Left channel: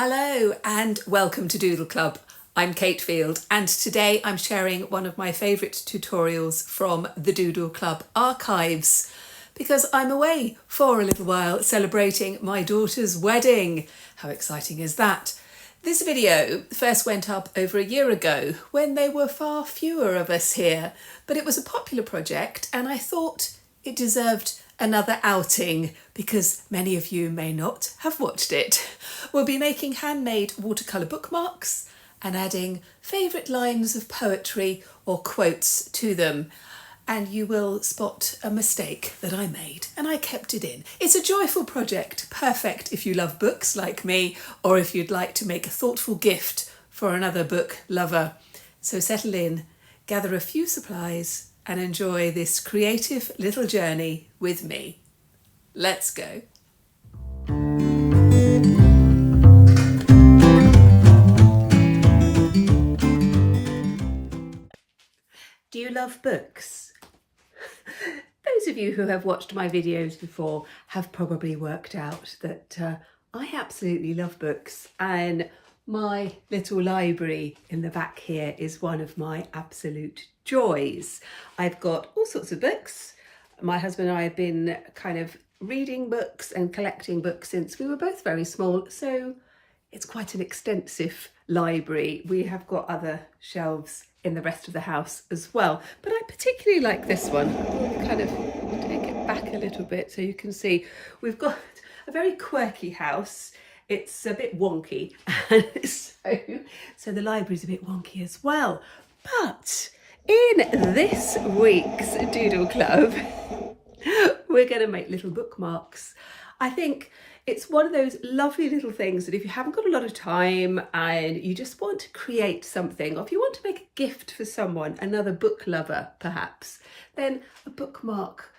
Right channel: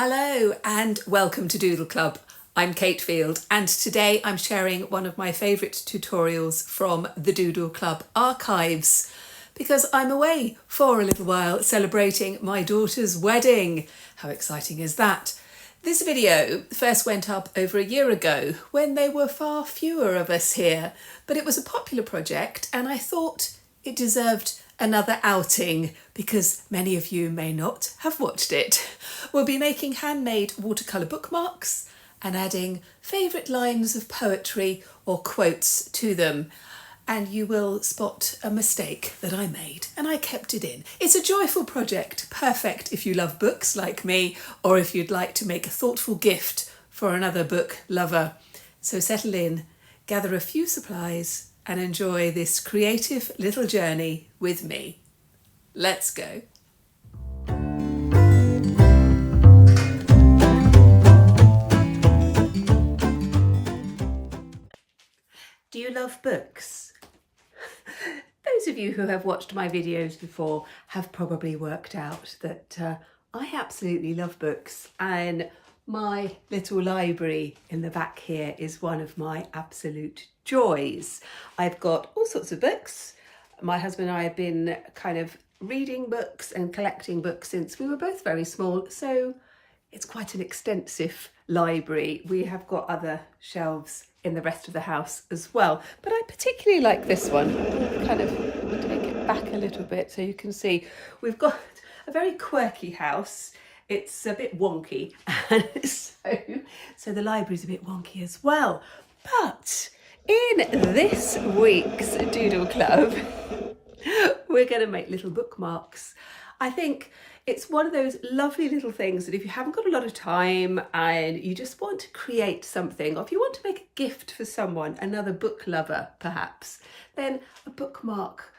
Hello and welcome to Doodle Club. I'm Cate Field and today I'm sharing one of my favourite tutorials from the Doodle Club archives because I'm away for a little while celebrating my daughter's wedding. How exciting is that? This video first went up over a year ago when there were far fewer of us here, but it was a popular project and I thought it deserved another outing because many of you may not have watched it. We'll be making handmade watercolour bookmarks and adding favourite lines of poetry or quotes to them. And you will spot a mistake that I made and I kept it in. It's a joyful project, perfect if you love books like me or if you'd like to make a thoughtful gift for another book lover. So settle in, gather a few supplies and enjoy this creative little journey with me. Let's go. Do you love books? Those of you who have watched my videos before have probably worked out that I absolutely love books, and my little library in the back here is one of my absolute joys. I've got all sorts of books. My husband and I have been kind of reading books and collecting books since we were both very small, so it's quite an extensive library. We have got other shelves in the rest of the house as well, but I particularly like this one. I'll kind of take it back a little bit so you can see we've got a very quirky house. It's a bit wonky, and so the library's a bit wonky as well. But in this week's Doodle Club, we're going to make little bookmarks. I think it's one of those lovely little things that if you haven't got a lot of time and you just want to create something, or if you want to make a gift for someone, another book lover perhaps, then a bookmark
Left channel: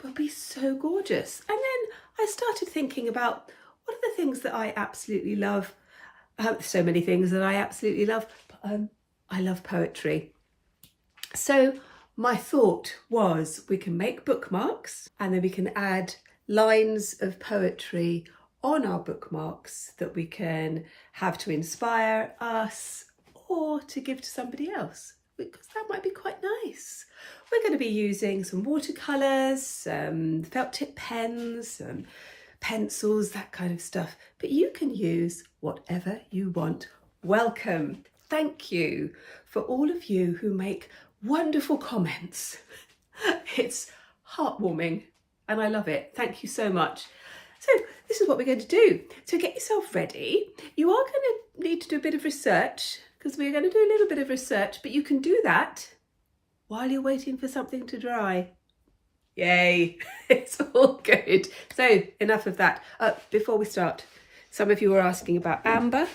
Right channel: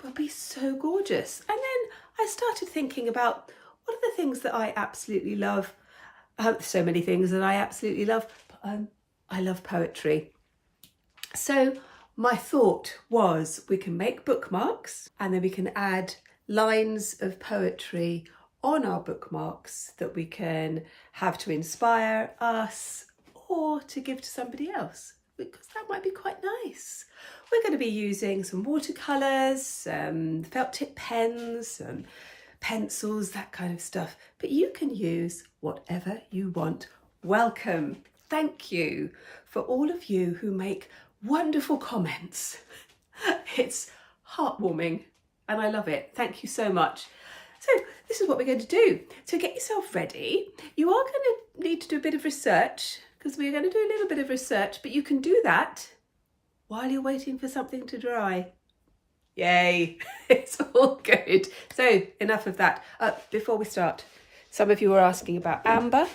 will be so gorgeous. And then I started thinking about what are the things that I absolutely love. So many things that I absolutely love, but I love poetry. So my thought was we can make bookmarks and then we can add lines of poetry on our bookmarks that we can have to inspire us or to give to somebody else, because that might be quite nice. We're going to be using some watercolours, felt tip pens, pencils, that kind of stuff, but you can use whatever you want. Welcome. Thank you for all of you who make wonderful comments. It's heartwarming and I love it. Thank you so much. So this is what we're going to do. So get yourself ready. You are going to need to do a bit of research because we're going to do a little bit of research, but you can do that while you're waiting for something to dry. Yay, it's all good. So enough of that. Before we start, some of you were asking about Amber.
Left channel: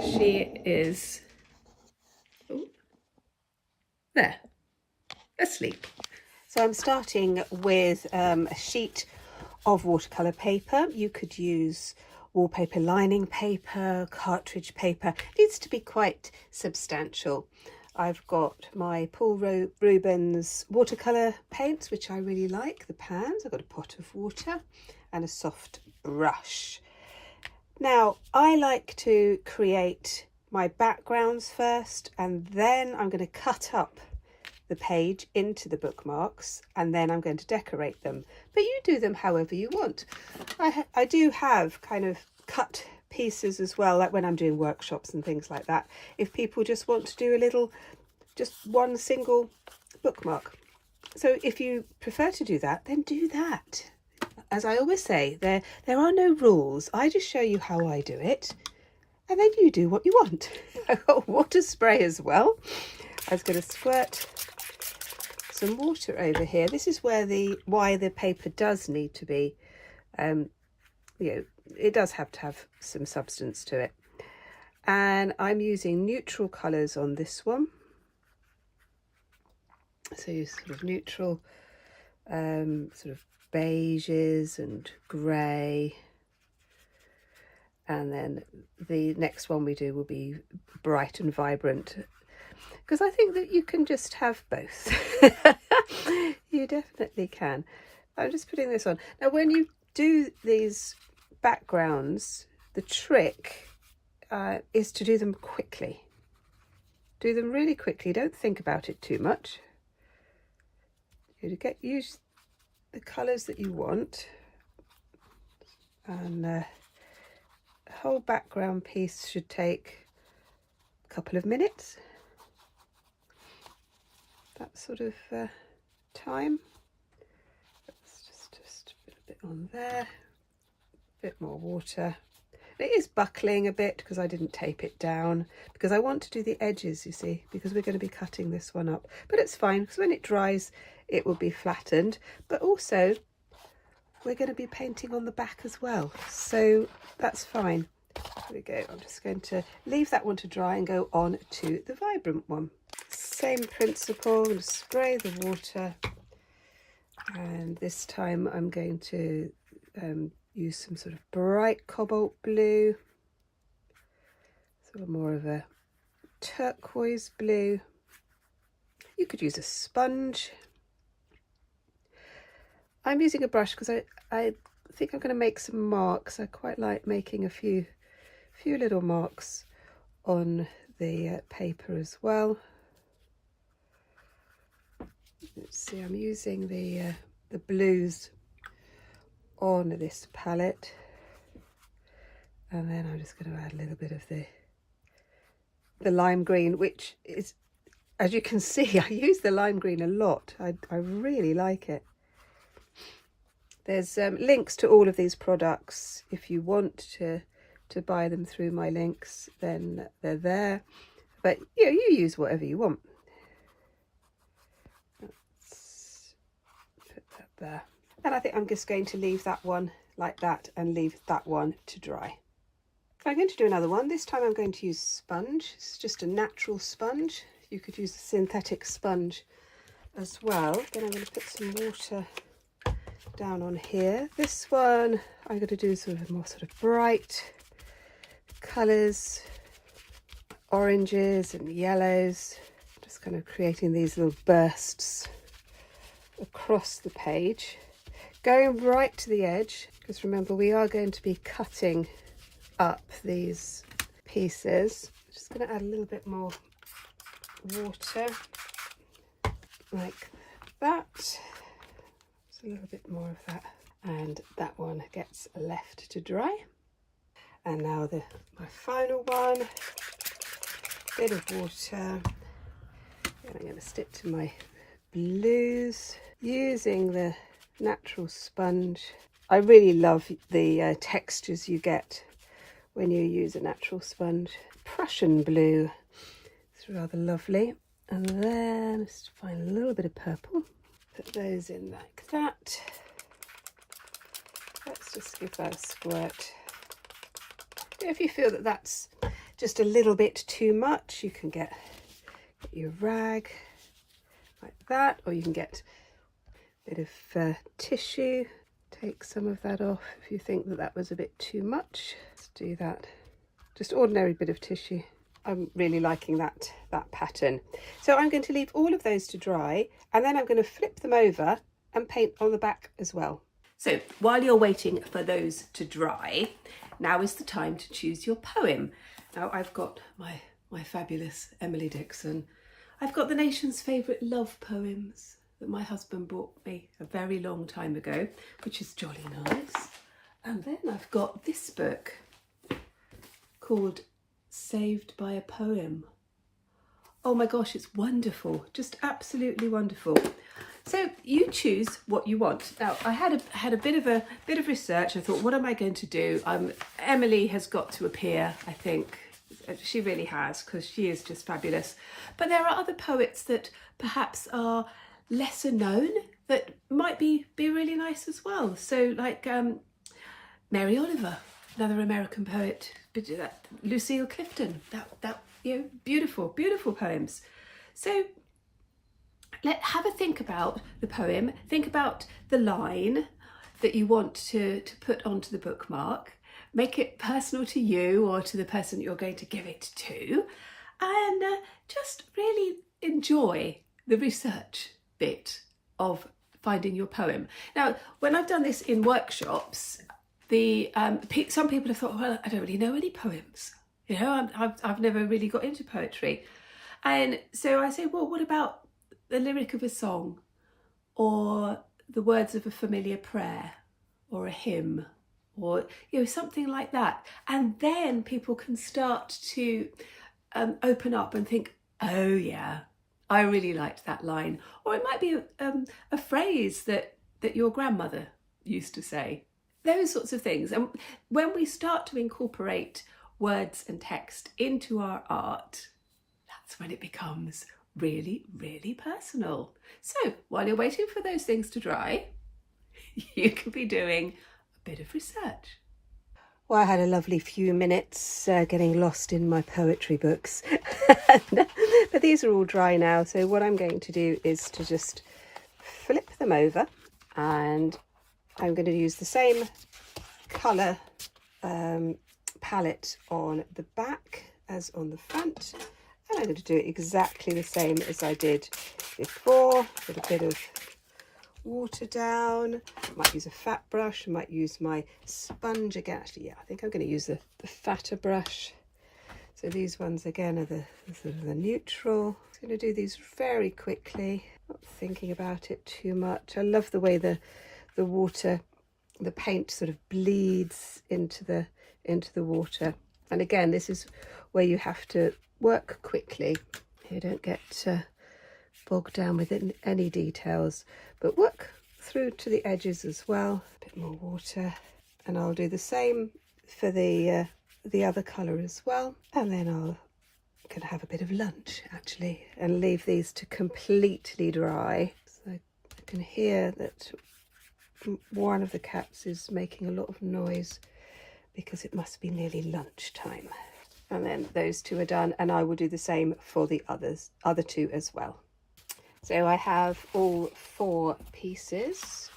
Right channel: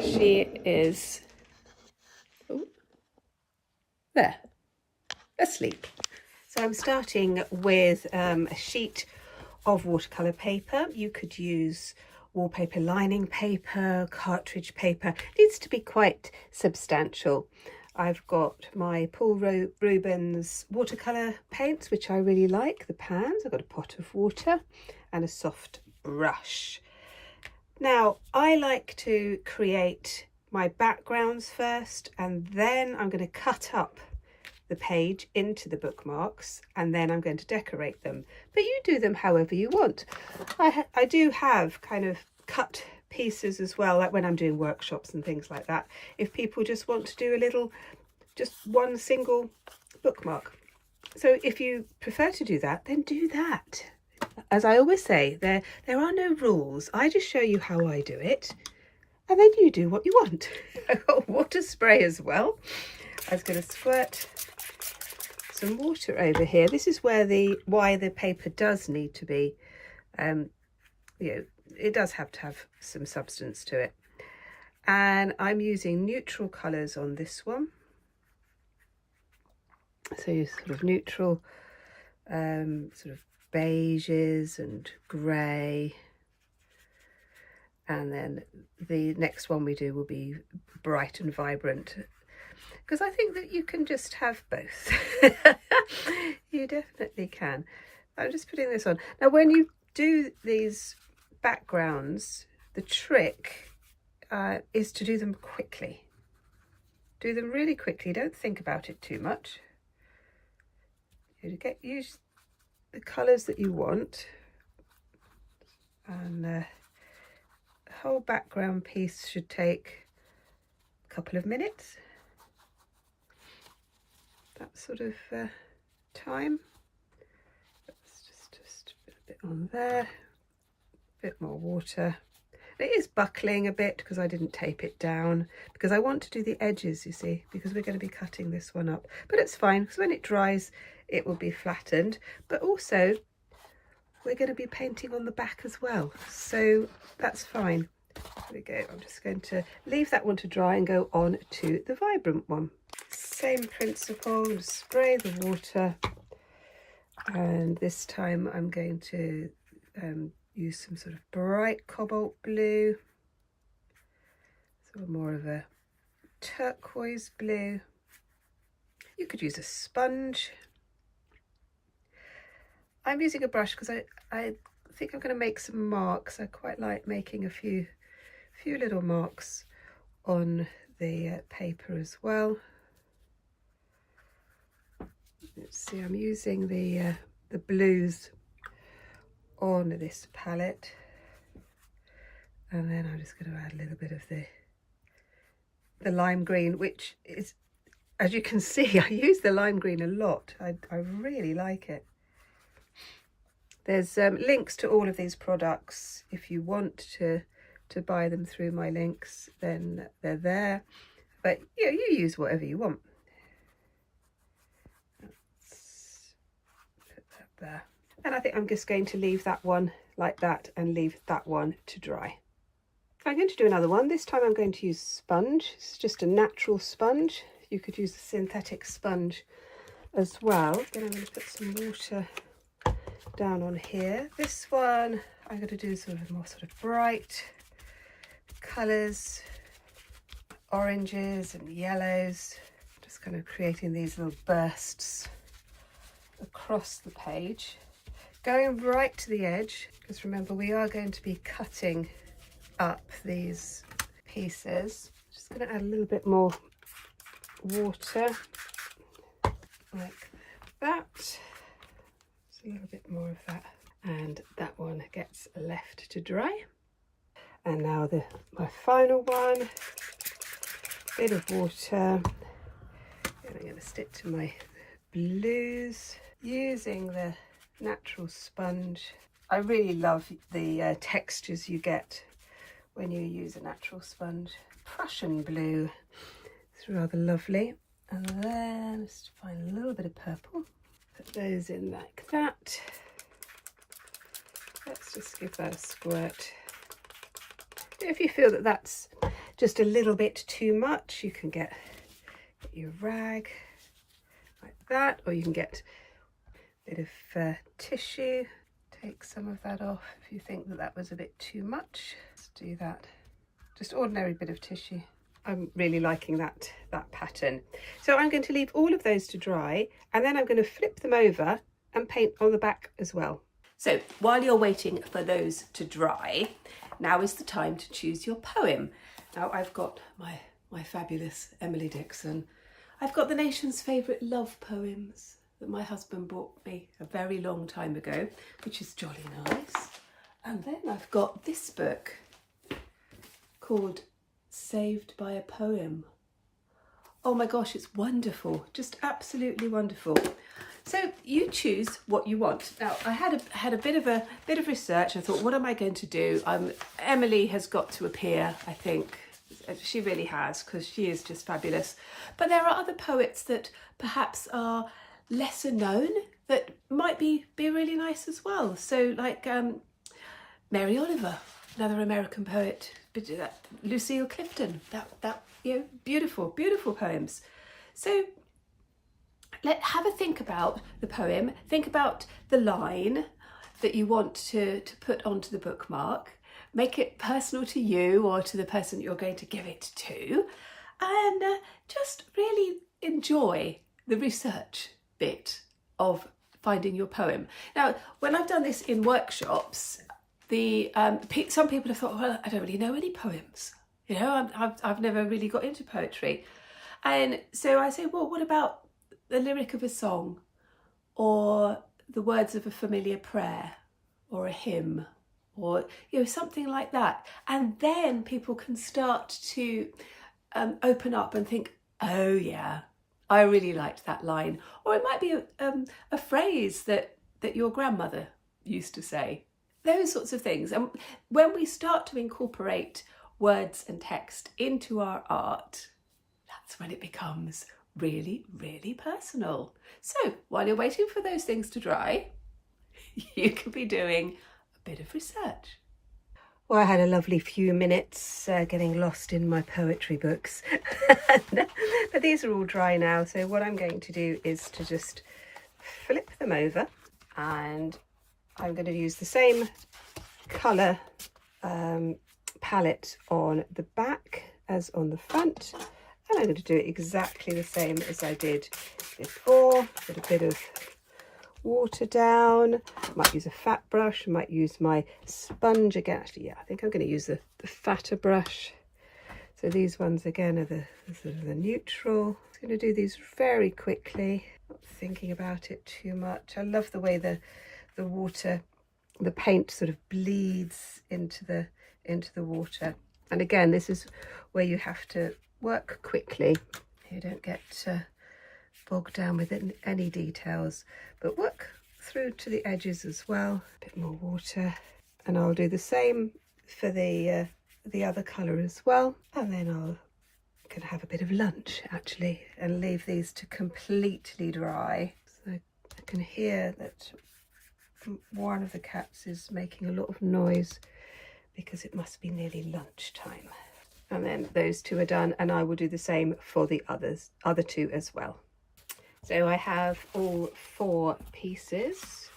She is there, asleep. So I'm starting with a sheet of watercolour paper. You could use wallpaper lining paper, cartridge paper. It needs to be quite substantial. I've got my Paul Rubens watercolour paints, which I really like, the pans. I've got a pot of water and a soft brush. Now, I like to create my backgrounds first, and then I'm going to cut up the page into the bookmarks, and then I'm going to decorate them. But you do them however you want. I do have kind of cut pieces as well, like when I'm doing workshops and things like that, if people just want to do a little, just one single bookmark. So if you prefer to do that, then do that. As I always say, there are no rules. I just show you how I do it, and then you do what you want. I've got water spray as well. I was going to squirt some water over here. This is why the paper does need to be, it does have to have some substance to it. And I'm using neutral colours on this one. So sort of neutral, sort of beiges and grey. And then the next one we do will be bright and vibrant, because I think that you can just have both. You definitely can. I'm just putting this on. Now, when you do these backgrounds, the trick is to do them quickly. Do them really quickly, don't think about it too much. Use the colours that you want, and the whole background piece should take a couple of minutes, that sort of time. Let's just put a bit on there, a bit more water. It is buckling a bit because I didn't tape it down, because I want to do the edges, you see, because we're going to be cutting this one up. But it's fine, because when it dries it will be flattened, but also we're going to be painting on the back as well, so that's fine. There we go. I'm just going to leave that one to dry and go on to the vibrant one. Same principle, I'm going to spray the water, and this time I'm going to use some sort of bright cobalt blue, sort of more of a turquoise blue. You could use a sponge. I'm using a brush because I think I'm going to make some marks. I quite like making a few little marks on the paper as well. Let's see, I'm using the blues on this palette, and then I'm just going to add a little bit of the lime green, which is, as you can see, I use the lime green a lot. I really like it. There's links to all of these products. If you want to buy them through my links, then they're there, but you use whatever you want. Let's put that there. And I think I'm just going to leave that one like that and leave that one to dry. I'm going to do another one. This time I'm going to use sponge. It's just a natural sponge. You could use a synthetic sponge as well. Then I'm going to put some water down on here. This one I'm going to do sort of more sort of bright colours, oranges and yellows. Just kind of creating these little bursts across the page. Going right to the edge, because remember we are going to be cutting up these pieces. Just going to add a little bit more water like that. Just a little bit more of that, and that one gets left to dry. And now my final one, bit of water, and I'm going to stick to my blues using the natural sponge. I really love the textures you get when you use a natural sponge. Prussian blue, it's rather lovely. And then just find a little bit of purple, put those in like that. Let's just give that a squirt. If you feel that that's just a little bit too much, you can get your rag like that, or you can get bit of tissue, take some of that off if you think that was a bit too much. Let's do that, just ordinary bit of tissue. I'm really liking that pattern. So I'm going to leave all of those to dry, and then I'm going to flip them over and paint on the back as well. So while you're waiting for those to dry, now is the time to choose your poem. Now I've got my fabulous Emily Dickinson. I've got the nation's favourite love poems that my husband bought me a very long time ago, which is jolly nice. And then I've got this book called Saved by a Poem. Oh my gosh, it's wonderful, just absolutely wonderful. So you choose what you want. Now I had a bit of research. I thought, what am I going to do? Emily has got to appear, I think. She really has, because she is just fabulous. But there are other poets that perhaps are lesser known that might be really nice as well. So like Mary Oliver, another American poet, Lucille Clifton, that beautiful poems. So have a think about the poem, think about the line that you want to put onto the bookmark, make it personal to you or to the person you're going to give it to, and just really enjoy the research bit of finding your poem. Now, when I've done this in workshops, some people have thought, well, I don't really know any poems. You know, I've never really got into poetry. And so I say, well, what about the lyric of a song, or the words of a familiar prayer, or a hymn, or, you know, something like that. And then people can start to open up and think, oh yeah, I really liked that line. Or it might be a phrase that your grandmother used to say. Those sorts of things. And when we start to incorporate words and text into our art, that's when it becomes really, really personal. So while you're waiting for those things to dry, you can be doing a bit of research. Well, I had a lovely few minutes getting lost in my poetry books, but these are all dry now. So what I'm going to do is to just flip them over, and I'm going to use the same colour palette on the back as on the front, and I'm going to do it exactly the same as I did before, with a bit of water down. I might use a fat brush, I might use my sponge again. Actually, yeah, I think I'm going to use the fatter brush. So these ones again are the sort of the neutral. I'm going to do these very quickly, not thinking about it too much. I love the way the water, the paint sort of bleeds into the water. And again, this is where you have to work quickly. You don't get bogged down with any details, but work through to the edges as well. A bit more water, and I'll do the same for the other colour as well. And then I'll can have a bit of lunch actually, and leave these to completely dry. So I can hear that one of the cats is making a lot of noise because it must be nearly lunchtime. And then those two are done, and I will do the same for the other two as well. So I have all 4 pieces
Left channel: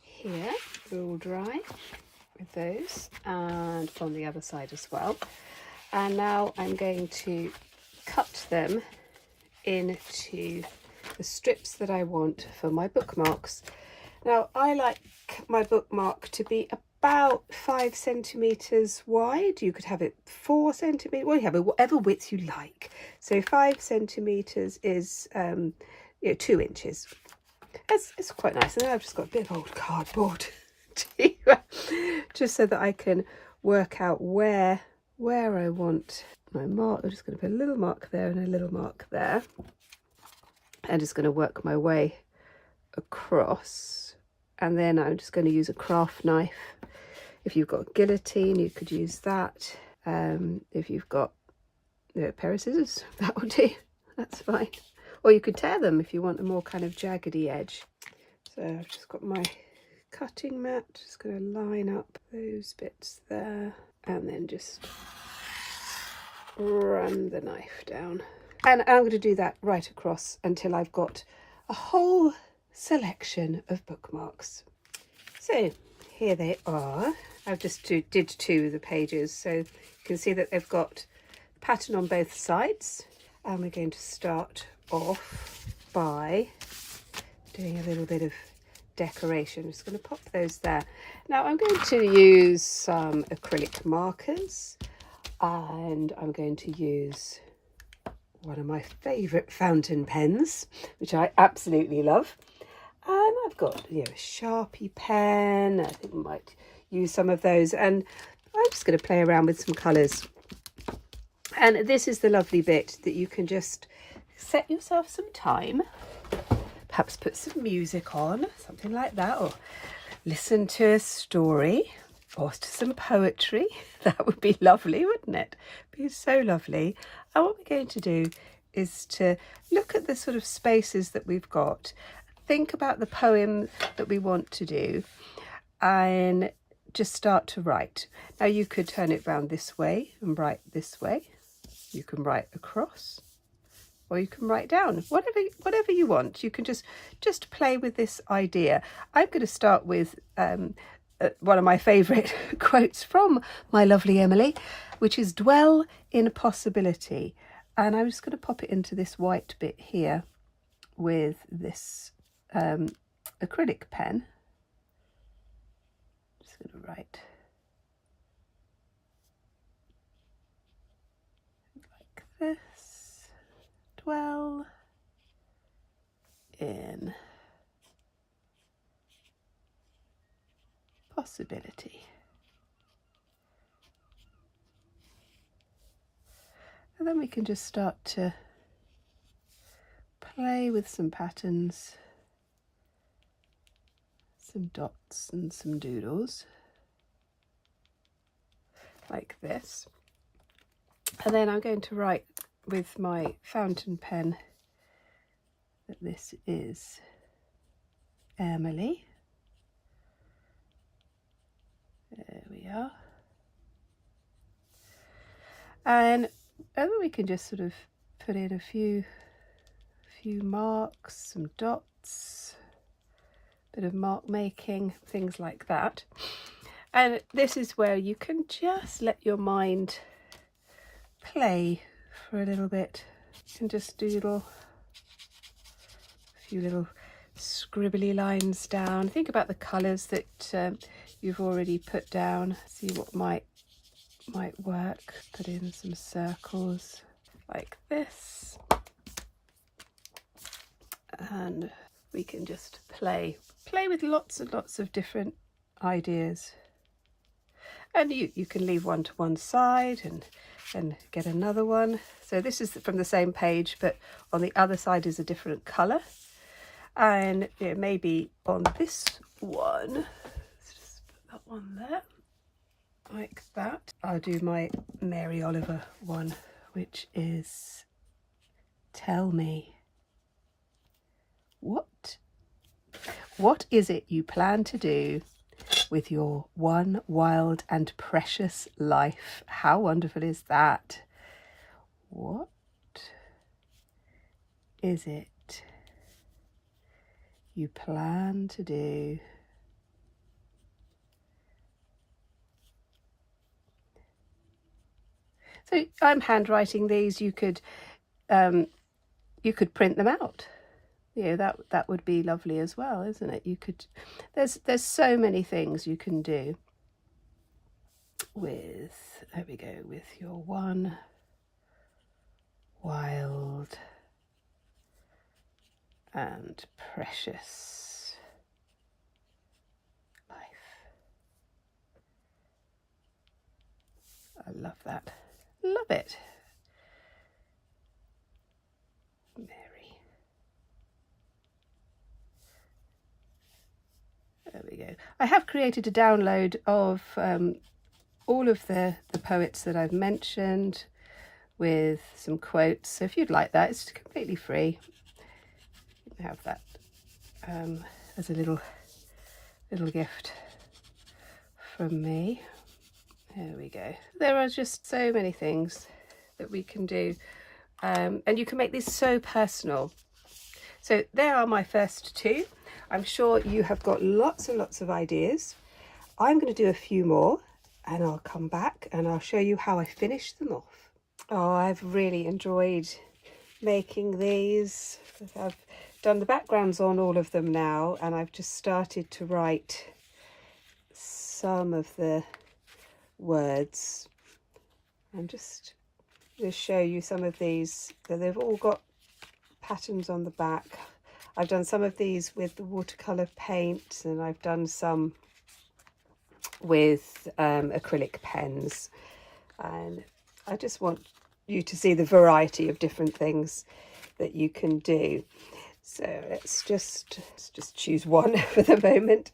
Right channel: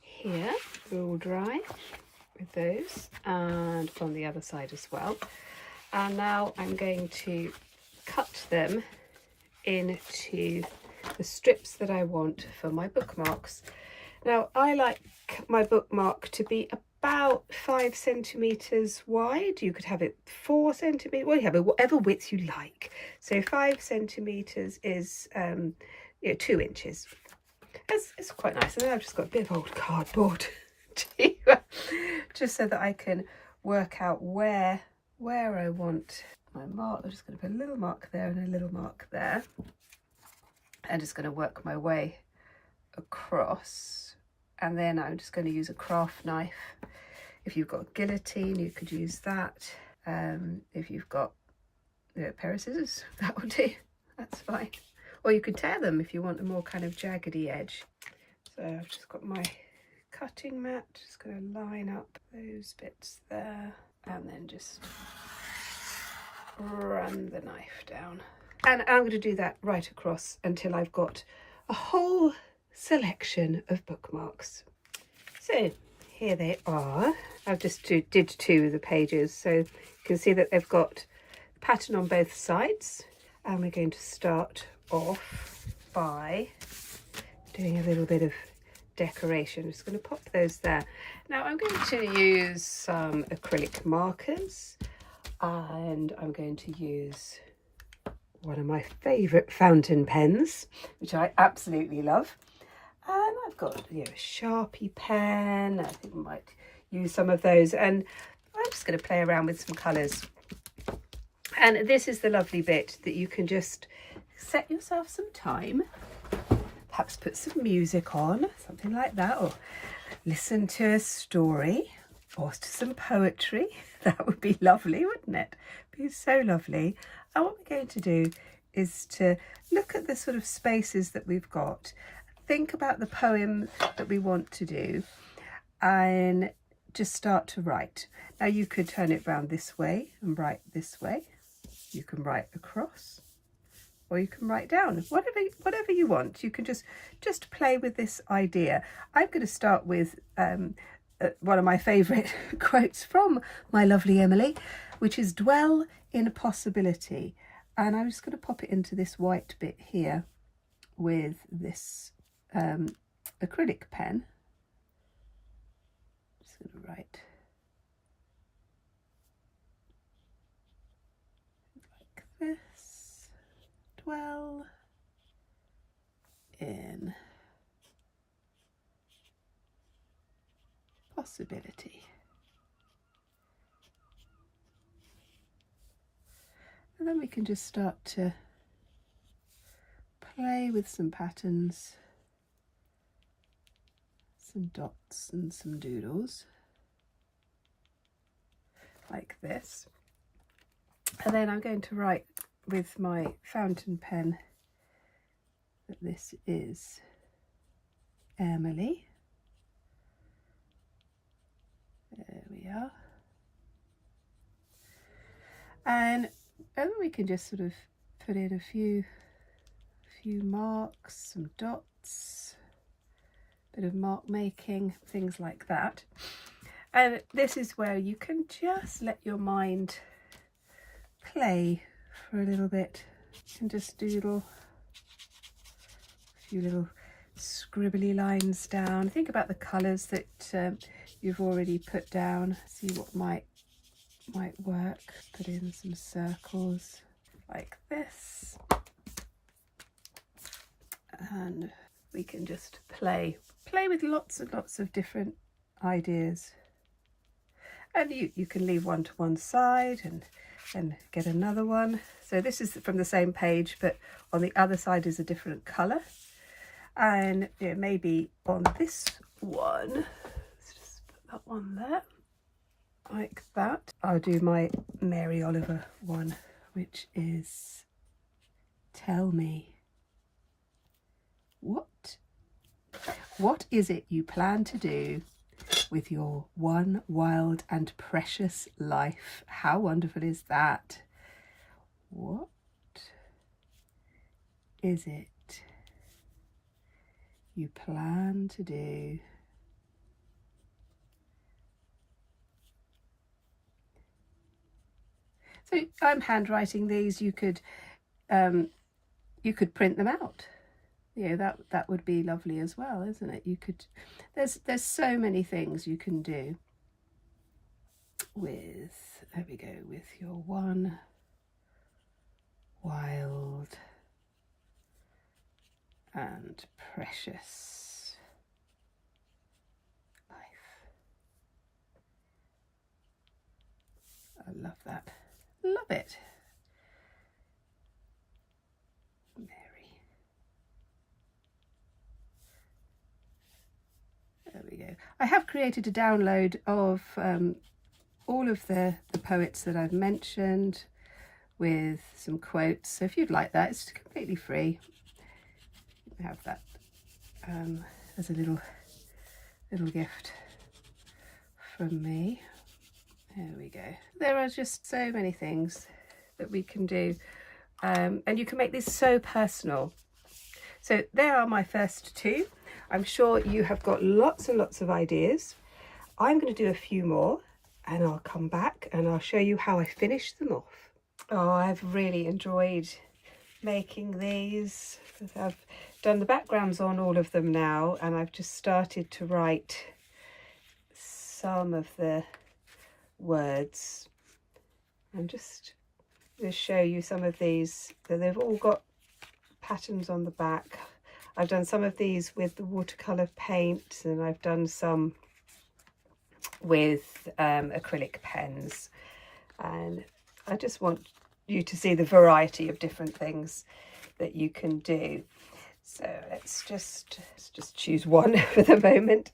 here. They're all dry with those, and on the other side as well. And now I'm going to cut them into the strips that I want for my bookmarks. Now I like my bookmark to be about 5 centimetres wide. You could have it 4 centimetres, well, you have it whatever width you like. So 5 centimetres is 2 inches. It's quite nice. And then I've just got a bit of old cardboard to, just so that I can work out where I want my mark. I'm just going to put a little mark there and a little mark there. I'm just going to work my way across, and then I'm just going to use a craft knife. If you've got a guillotine, you could use that. If you've got a pair of scissors, that will do. That's fine. Or you could tear them if you want a more kind of jaggedy edge. So I've just got my cutting mat, just going to line up those bits there, and then just run the knife down. And I'm going to do that right across until I've got a whole selection of bookmarks. So here they are. I've just did 2 of the pages, so you can see that they've got the pattern on both sides. And we're going to start off by doing a little bit of decoration. I'm just going to pop those there. Now I'm going to use some acrylic markers, and I'm going to use one of my favourite fountain pens, which I absolutely love. And I've got a Sharpie pen. I think we might use some of those, and I'm just going to play around with some colours. And this is the lovely bit that you can just set yourself some time, perhaps put some music on, something like that, or listen to a story or to some poetry. That would be lovely, wouldn't it? Be so lovely. And what we're going to do is to look at the sort of spaces that we've got, think about the poem that we want to do, and just start to write. Now you could turn it round this way and write this way. You can write across, or you can write down, whatever you want. You can just play with this idea. I'm going to start with one of my favourite quotes from my lovely Emily, which is "Dwell in possibility." And I'm just going to pop it into this white bit here with this acrylic pen. Just going to write this, dwell in possibility. And then we can just start to play with some patterns, some dots and some doodles, like this. And then I'm going to write with my fountain pen that this is Emily. There we are. And then we can just sort of put in a few marks, some dots, bit of mark making, things like that. And this is where you can just let your mind play for a little bit. You can just doodle a few little scribbly lines down. Think about the colours that you've already put down. See what might work. Put in some circles like this, and we can just play with lots and lots of different ideas. And you can leave one to one side and get another one. So this is from the same page, but on the other side is a different colour. And maybe on this one, let's just put that one there, like that. I'll do my Mary Oliver one, which is tell me, what is it you plan to do with your one wild and precious life? How wonderful is that? What is it you plan to do? So I'm handwriting these. You could print them out. That would be lovely as well, isn't it? You could. There's so many things you can do with. There we go. With your one wild and precious life. I love that. Love it. Mary. There we go. I have created a download of all of the poets that I've mentioned with some quotes. So if you'd like that, it's completely free. You can have that as a little gift from me. There we go. There are just so many things that we can do, and you can make this so personal. So there are my first two. I'm sure you have got lots and lots of ideas. I'm going to do a few more and I'll come back and I'll show you how I finish them off. Oh, I've really enjoyed making these. I've done the backgrounds on all of them now, and I've just started to write some of the words. I'm just going to show you some of these. So they've all got patterns on the back. I've done some of these with the watercolour paint, and I've done some with acrylic pens, and I just want you to see the variety of different things that you can do. So let's just choose one for the moment,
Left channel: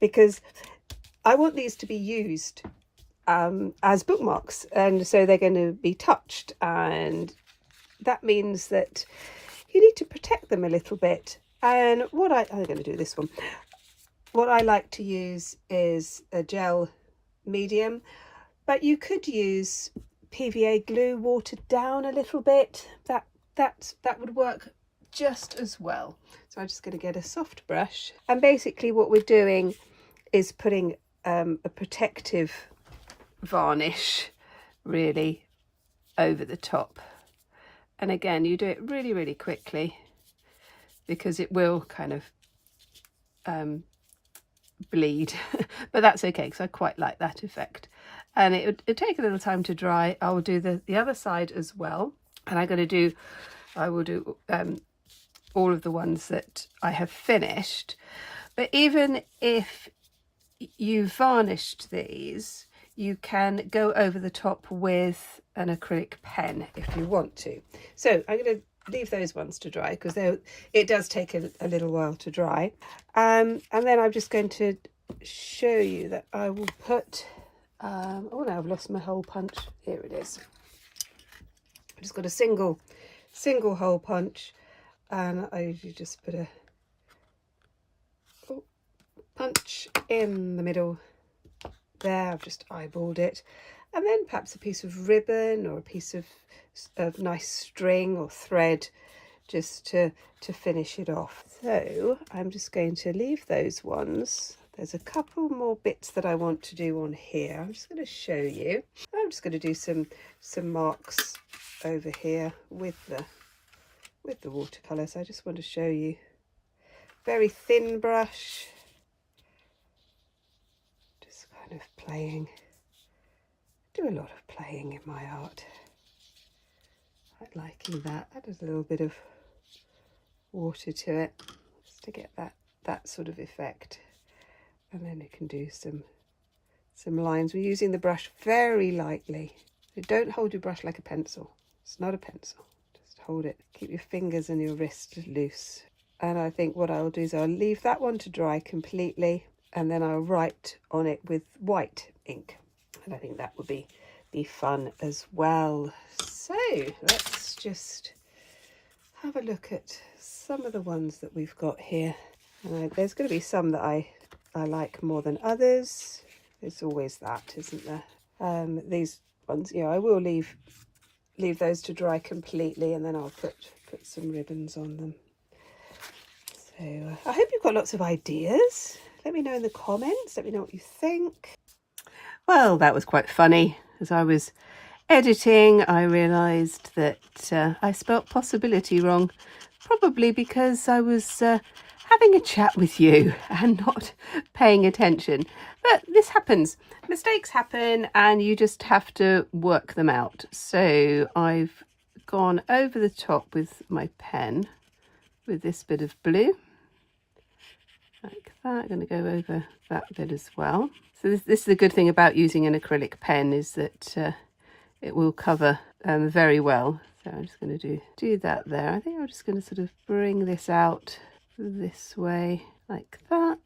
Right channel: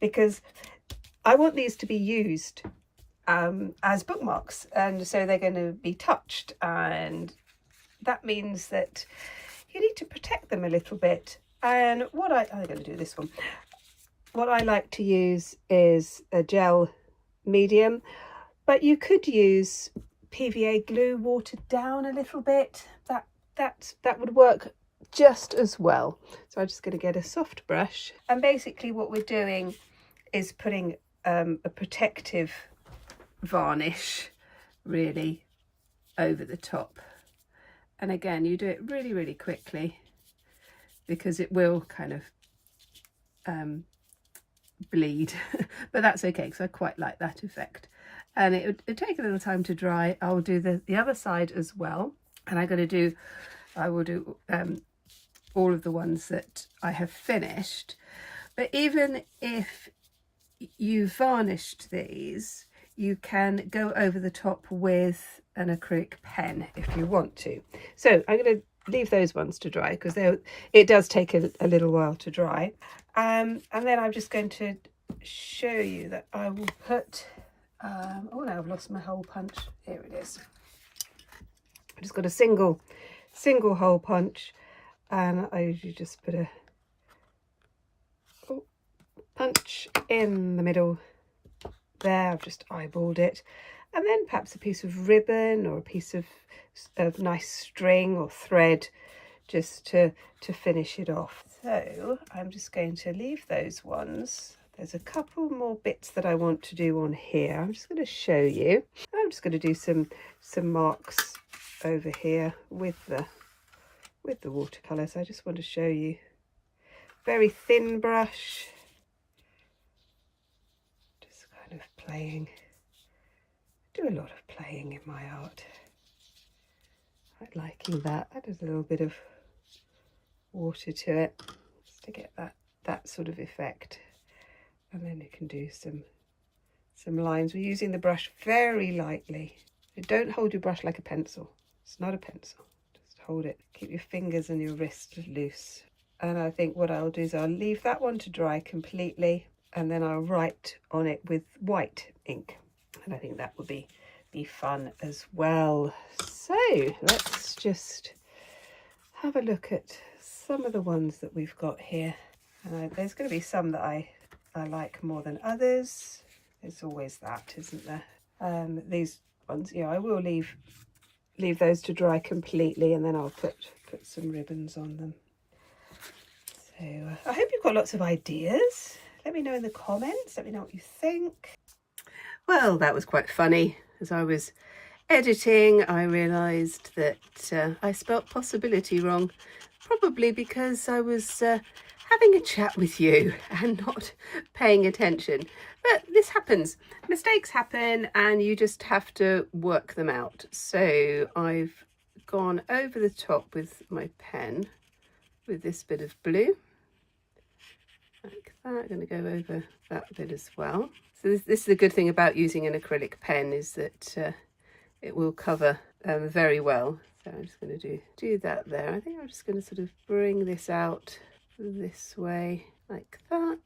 because I want these to be used as bookmarks, and so they're going to be touched, and that means that you need to protect them a little bit. And I'm going to do this one. What I like to use is a gel medium, but you could use PVA glue watered down a little bit. That would work just as well. So I'm just going to get a soft brush, and basically what we're doing is putting a protective varnish really over the top. And again, you do it really, really quickly, because it will kind of bleed, but that's okay, because I quite like that effect. And it would take a little time to dry. I'll do the other side as well, And I will do all of the ones that I have finished. But even if you varnished these, you can go over the top with an acrylic pen if you want to. So I'm going to leave those ones to dry because it does take a little while to dry. And then I'm just going to show you that I will put, oh no, I've lost my hole punch. Here it is. I've just got a single hole punch, and I usually just put a punch in the middle there. I've just eyeballed it, and then perhaps a piece of ribbon or a piece of nice string or thread just to finish it off. So I'm just going to leave those ones. There's a couple more bits that I want to do on here. I'm just going to show you. I'm just going to do some marks over here with the watercolour. So I just want to show you. Very thin brush. Just kind of playing. I do a lot of playing in my art. Quite liking that. Add a little bit of water to it just to get that sort of effect. And then you can do some lines. We're using the brush very lightly. So don't hold your brush like a pencil. It's not a pencil. Just hold it. Keep your fingers and your wrist loose. And I think what I'll do is I'll leave that one to dry completely, and then I'll write on it with white ink. And I think that would be fun as well. So let's just have a look at some of the ones that we've got here. And there's going to be some that I like more than others. There's always that, isn't there? These ones, yeah, I will leave those to dry completely, and then I'll put some ribbons on them. So I hope you've got lots of ideas. Let me know in the comments. Let me know what you think. Well, that was quite funny. As I was editing, I realised that I spelt possibility wrong, probably because I was having a chat with you and not paying attention. But this happens. Mistakes happen, and you just have to work them out. So I've gone over the top with my pen with this bit of blue. Like that. I'm going to go over that bit as well. So this is the good thing about using an acrylic pen, is that it will cover very well. So I'm just going to do that there. I think I'm just going to sort of bring this out this way like that.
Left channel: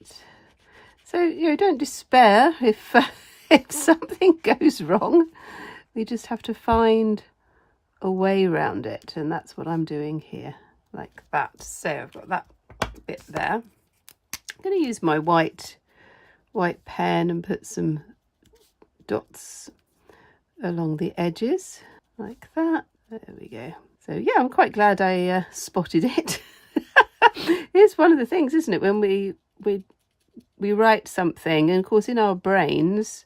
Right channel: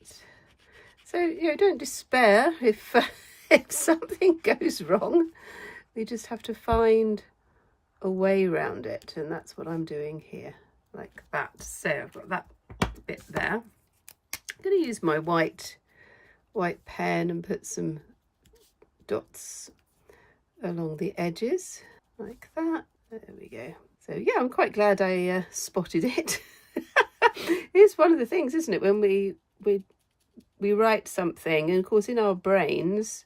So you know, don't despair if if something goes wrong. You just have to find a way around it, and that's what I'm doing here, like that. So I've got that bit there. I'm going to use my white pen and put some dots along the edges like that. There we go. So yeah, I'm quite glad I spotted it. It's one of the things, isn't it, when we write something, and of course in our brains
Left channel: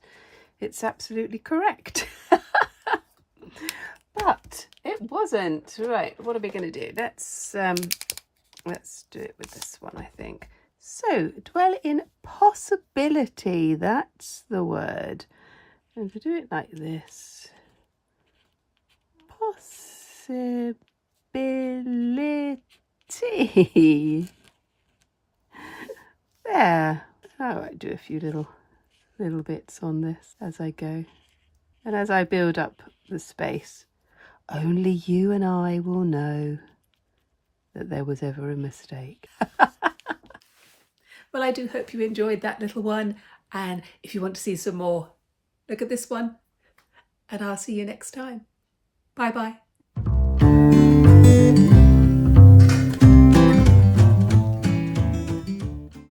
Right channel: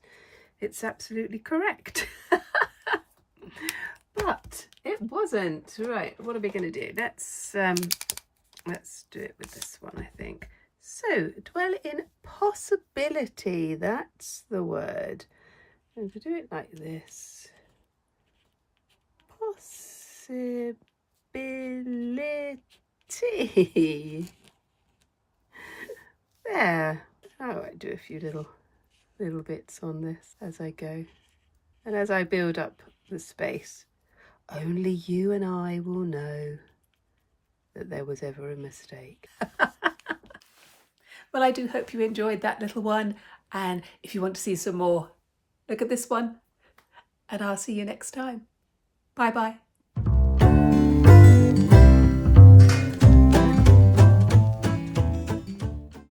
it's absolutely correct. But it wasn't. Right, what are we going to do? Let's do it with this one, I think. So, dwell in possibility, that's the word. And if we do it like this, possibility. There. I might do a few little bits on this as I go. And as I build up the space, only you and I will know that there was ever a mistake. Well, I do hope you enjoyed that little one, and if you want to see some more, look at this one, and I'll see you next time. Bye bye.